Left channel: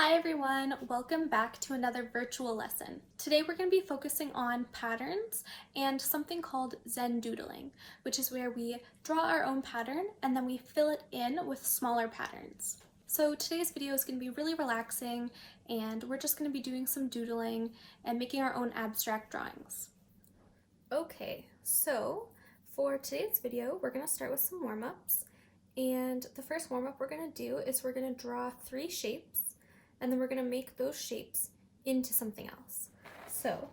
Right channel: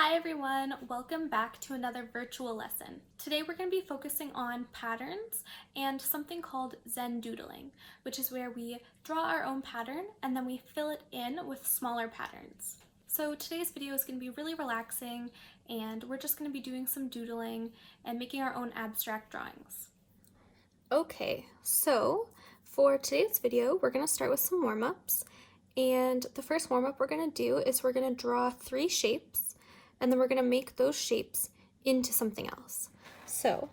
Hi everyone, welcome back to another virtual lesson. Today we're going to be focusing on patterns and something called Zen Doodling, which is where we draw our own pattern and then we fill it in with smaller patterns. So today's video is going to be really relaxing and we're just going to be doing some doodling and making our own abstract drawings. Okay, so for today's video we're going to start with some warm-ups, and the first warm-up we're going to do is we're going to draw 3 shapes and then we're going to make those shapes into something else. So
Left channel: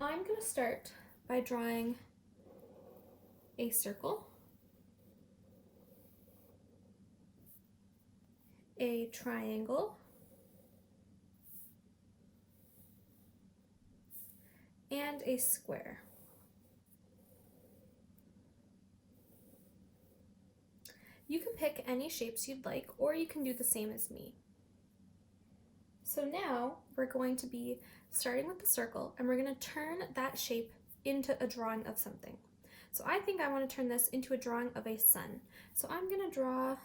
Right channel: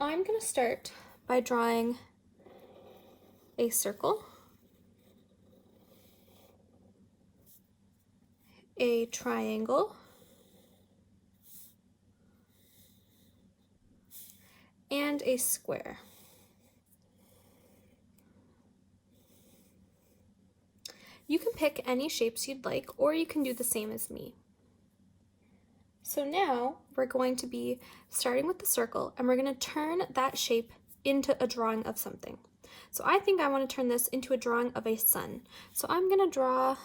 I'm going to start by drawing a circle, a triangle, and a square. You can pick any shapes you'd like, or you can do the same as me. So now we're going to be starting with the circle and we're going to turn that shape into a drawing of something. So I think I want to turn this into a drawing of a sun. So I'm going to draw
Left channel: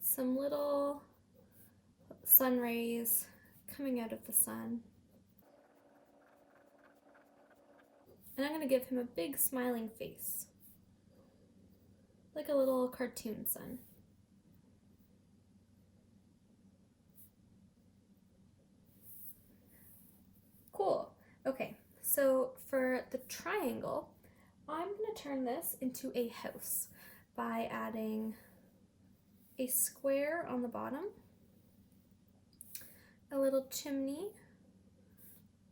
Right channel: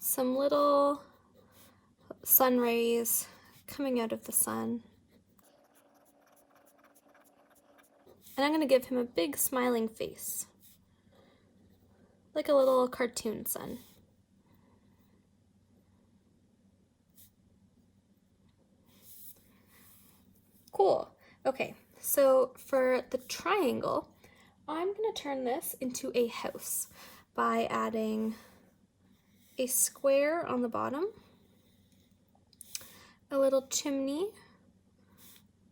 some little sun rays coming out of the sun. And I'm going to give him a big smiling face, like a little cartoon sun. Cool. Okay, so for the triangle, I'm going to turn this into a house by adding a square on the bottom, a little chimney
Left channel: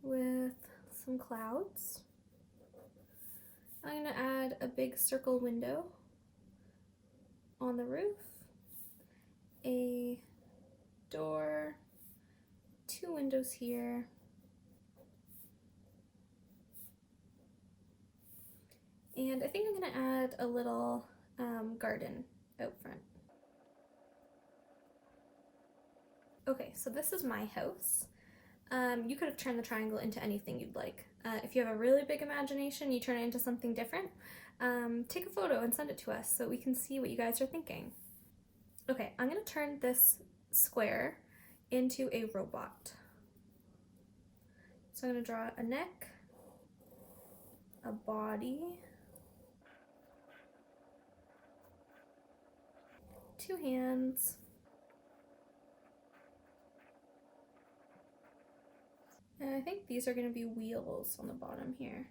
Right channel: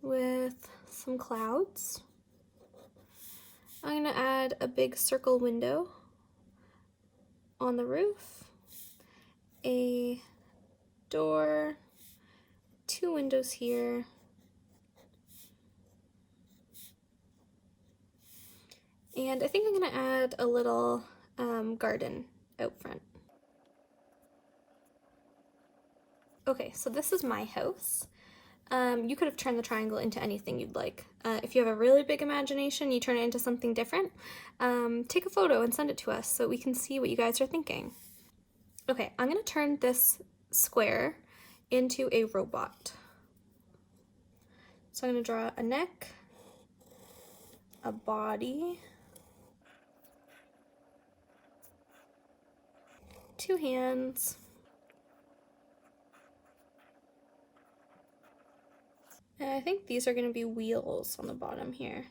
with some clouds. I'm going to add a big circle window on the roof, a door, 2 windows here, and I think I'm going to add a little garden out front. Okay, so this is my house. You could have turned the triangle into anything you'd like. If you have a really big imagination, you turn it into something different. Take a photo and send it to us so we can see what you guys are thinking. Okay, I'm going to turn this square into a robot. So I'm going to draw a neck, a body, 2 hands, and I think these are going to be wheels on the bottom here.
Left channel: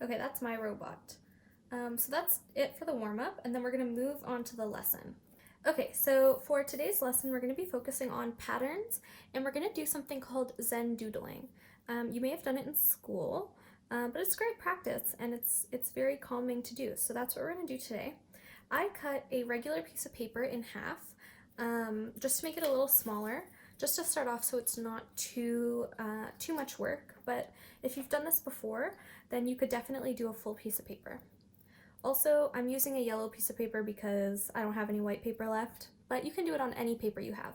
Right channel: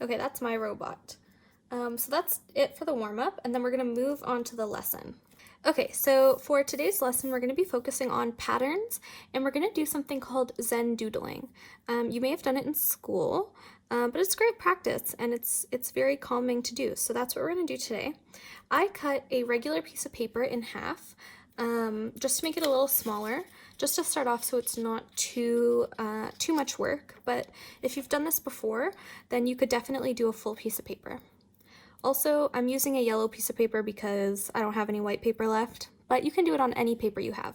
Okay, that's my robot. So that's it for the warm-up, and then we're going to move on to the lesson. Okay, so for today's lesson, we're going to be focusing on patterns, and we're going to do something called Zen Doodling. You may have done it in school, but it's great practice, and it's very calming to do, so that's what we're going to do today. I cut a regular piece of paper in half, just to make it a little smaller, just to start off so it's not too much work, but if you've done this before, then you could definitely do a full piece of paper. Also, I'm using a yellow piece of paper because I don't have any white paper left, but you can do it on any paper you have.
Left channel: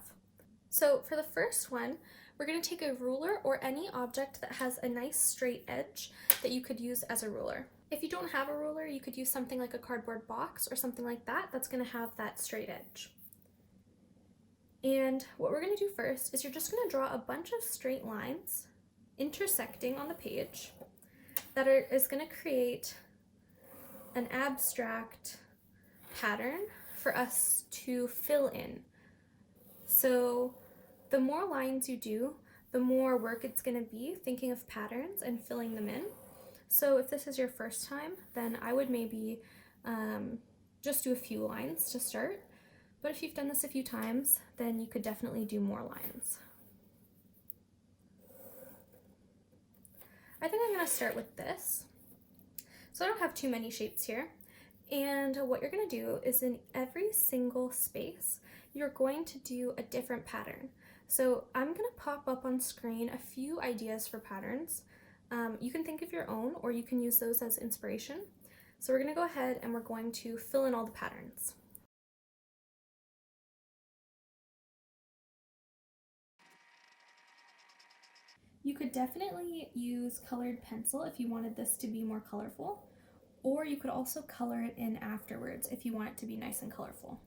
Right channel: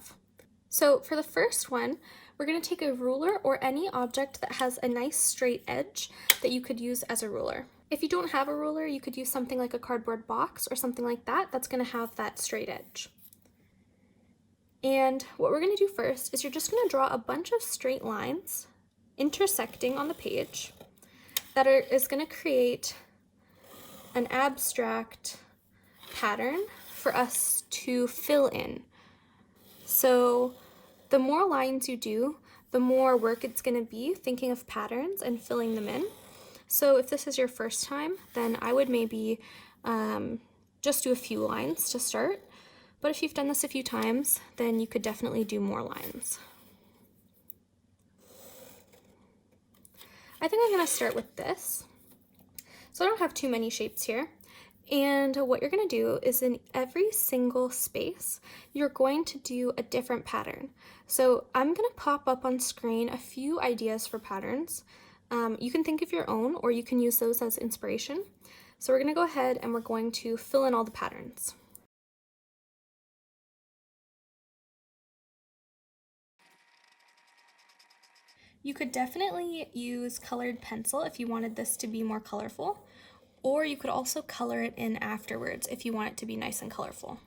So for the first one, we're going to take a ruler or any object that has a nice straight edge that you could use as a ruler. If you don't have a ruler, you could use something like a cardboard box or something like that that's going to have that straight edge. And what we're going to do first is you're just going to draw a bunch of straight lines intersecting on the page that is going to create an abstract pattern for us to fill in. So the more lines you do, the more work it's going to be thinking of patterns and filling them in. So if this is your first time, then I would maybe just do a few lines to start. But if you've done this a few times, then you could definitely do more lines. I think I'm going to start with this. So I don't have too many shapes here. And what you're going to do is in every single space, you're going to do a different pattern. So I'm going to pop up on screen a few ideas for patterns. You can think of your own, or you can use those as inspiration. So we're going to go ahead and we're going to fill in all the patterns. You could definitely use colored pencil if you wanted this to be more colorful, or you could also color it in afterwards if you want it to be nice and colorful.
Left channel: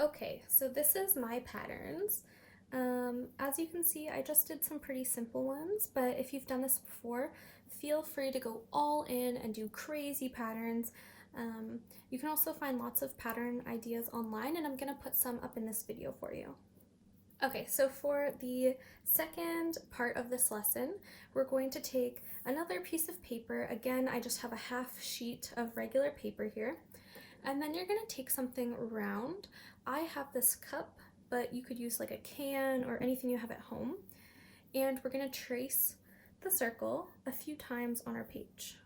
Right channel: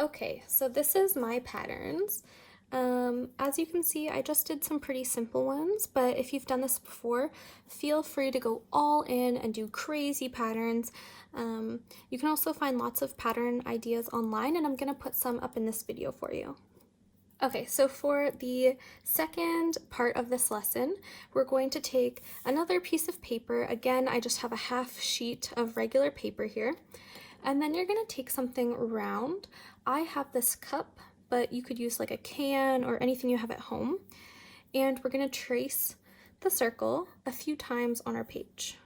Okay, so this is my patterns. As you can see, I just did some pretty simple ones, but if you've done this before, feel free to go all in and do crazy patterns. You can also find lots of pattern ideas online, and I'm gonna put some up in this video for you. Okay, so for the second part of this lesson, we're going to take another piece of paper. Again, I just have a half sheet of regular paper here. And then you're gonna take something round. I have this cup, but you could use like a can or anything you have at home. And we're gonna trace the circle a few times on our page.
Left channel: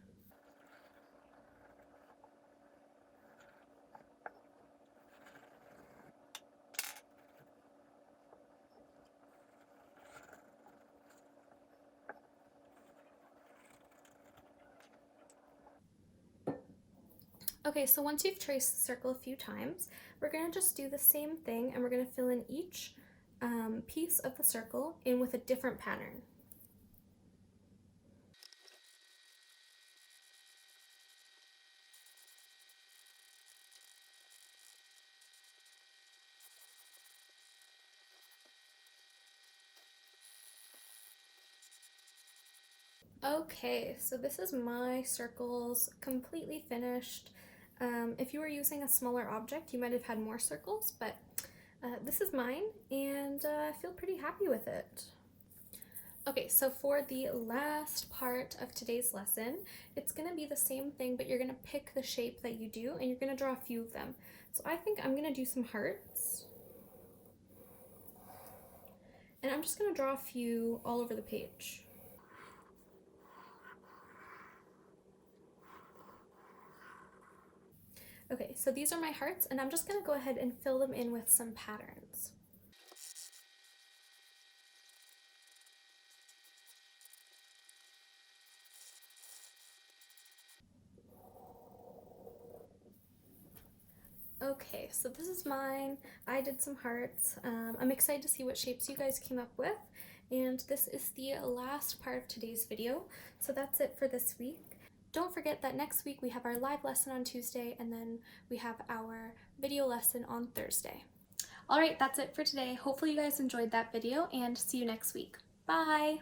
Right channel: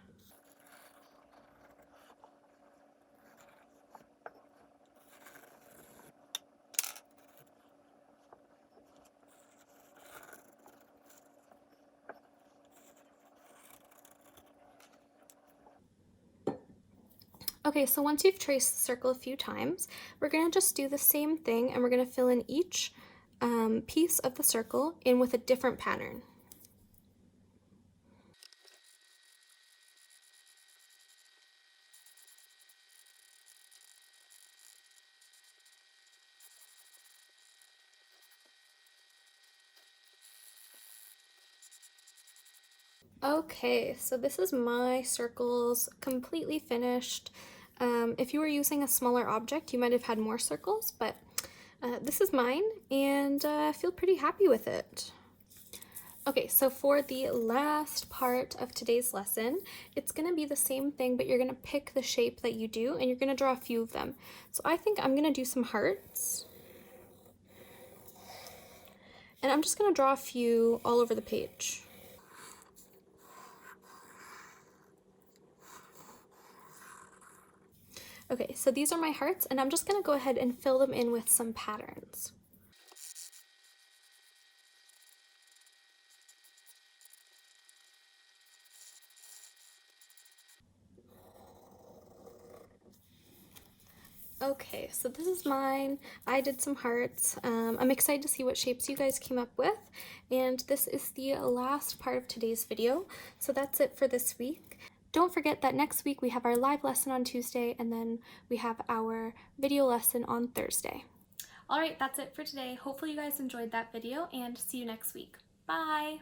Okay, so once you've traced the circle a few times, we're gonna just do the same thing and we're gonna fill in each piece of the circle in with a different pattern. Okay, so this is my circles completely finished. If you were using a smaller object, you might have had more circles, but this is mine, and I feel pretty happy with it. Okay, so for the last part of today's lesson, it's gonna be the same thing, but you're gonna pick the shape that you do, and you're gonna draw a few of them. So I think I'm gonna do some hearts. And I'm just gonna draw a few all over the page. Okay, so these are my hearts, and I'm just gonna go ahead and fill them in with some patterns. Okay, so this is mine. I did some hearts. I'm excited to see what shapes you guys came up with. And this is the last part of today's video. So that's it for this week. Don't forget that next week we have our live lesson on Tuesday, and then we have our video lesson on Thursday. All right, that's it for today. Hopefully you guys enjoyed that video, and see you next week. Bye!